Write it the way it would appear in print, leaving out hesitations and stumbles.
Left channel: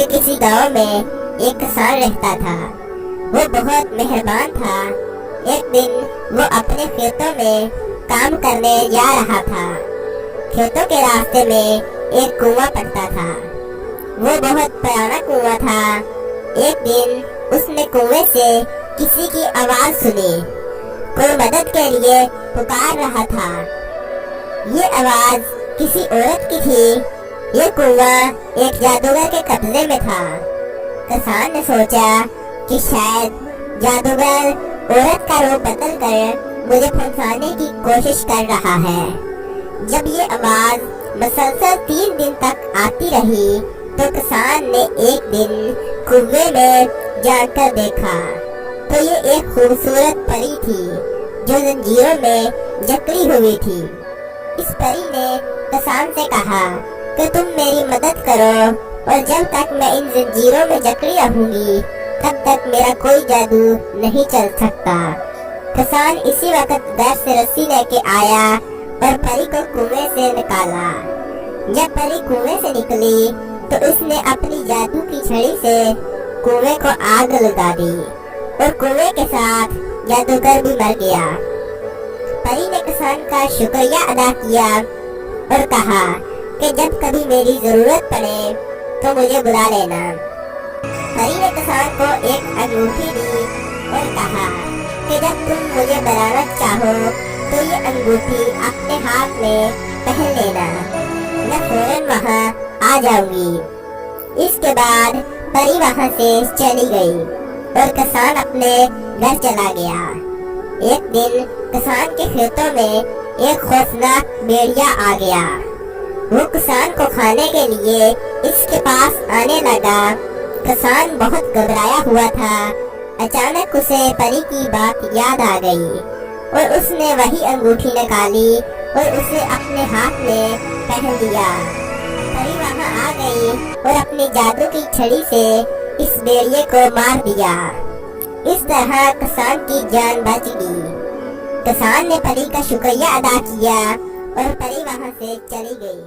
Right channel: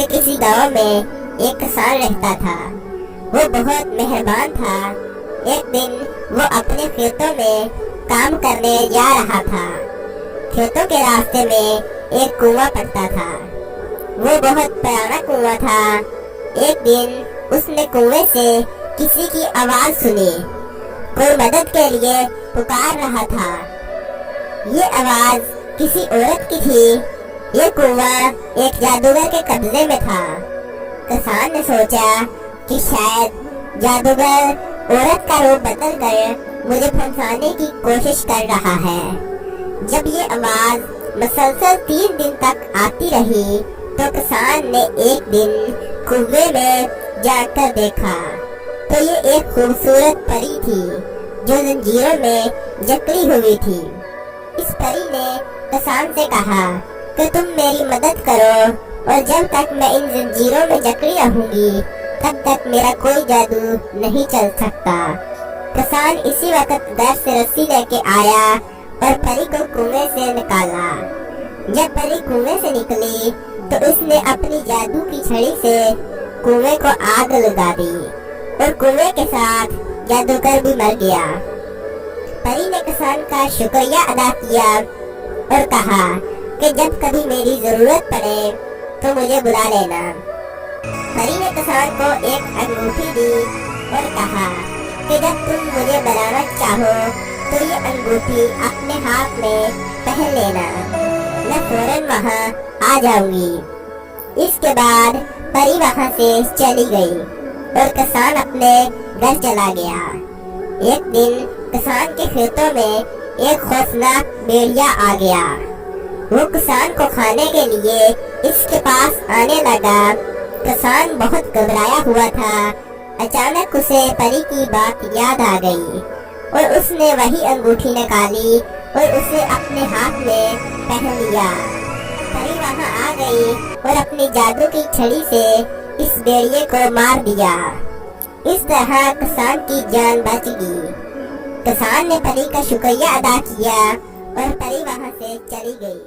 کہ کسی گاؤں میں ایک کسان رہتا تھا۔ وہ بہت مہربان تھا۔ ایک دن وہ اپنے کھیتوں میں کام کرنے جا رہا تھا۔ کھیتوں کے راستے میں ایک کنواں پڑتا تھا۔ وہ بہت پرانا کنواں تھا۔ ایک دن اس نے کنویں سے کسی کی آواز سنی۔ کوئی مدد کے لیے پکار رہا تھا۔ یہ آواز کسی عورت کی تھی۔ یہ کنواں ایک جادوگر کے قبضے میں تھا۔ کسان نے سوچا کہ شاید جادوگر عورت کا روپ بدل کر مجھے پھنسانے کی کوشش کر رہا ہے۔ جب یہ آواز مسلسل 3 دن تک آتی رہی تو کسان نے ایک دن کنویں میں جا کر دیکھا تو یہ ایک خوبصورت پری تھی جو زنجیروں میں جکڑی ہوئی تھی۔ اس پری نے کسان سے کہا کہ تم میری مدد کرو اور جب تک میں ان زنجیروں میں جکڑی رہوں گی تب تک میرا کوئی جادو نہیں چل سکتا۔ کسان اسی وقت گھر سے رسی لے کے آیا اور پری کو کنویں سے نکالا۔ جب پری کنویں سے نکلی تو اس نے اپنی جادو کی چھڑی سے کنویں کو آگ لگا دی اور کنویں کے ساتھ جادوگر بھی مر گیا۔ پری نے کسان کا شکریہ ادا کیا اور کہا کہ جب کبھی میری ضرورت پڑے تو مجھے بلا لینا۔ پری نے کسان کو ایک انگوٹھی دی اور کہا کہ جب تم مجھے بلانا چاہو تو یہ انگوٹھی اپنے ہاتھ میں پہن لینا، میں فوراً وہاں آ جاؤں گی۔ اس کے بعد پری وہاں سے چلی گئی اور کسان اپنے گھر چلا گیا۔ ایک دن کسان کے کھیتوں میں ایک خوفناک بھیڑیا آ گیا۔ وہ کسان کو کھانے کے لیے اس کے پاس آنے لگا۔ کسان بہت گھبرایا ہوا تھا۔ اچانک اسے پری کی بات یاد آ گئی اور اس نے وہی انگوٹھی نکالی اور اسے اپنے ہاتھ میں پہن لیا۔ پری وہاں آ گئی اور اپنی جادو کی چھڑی سے اس بھیڑیے کو مار دیا۔ اس طرح کسان کی جان بچ گئی۔ کسان نے پری کا شکریہ ادا کیا اور پری وہاں سے چلی گئی۔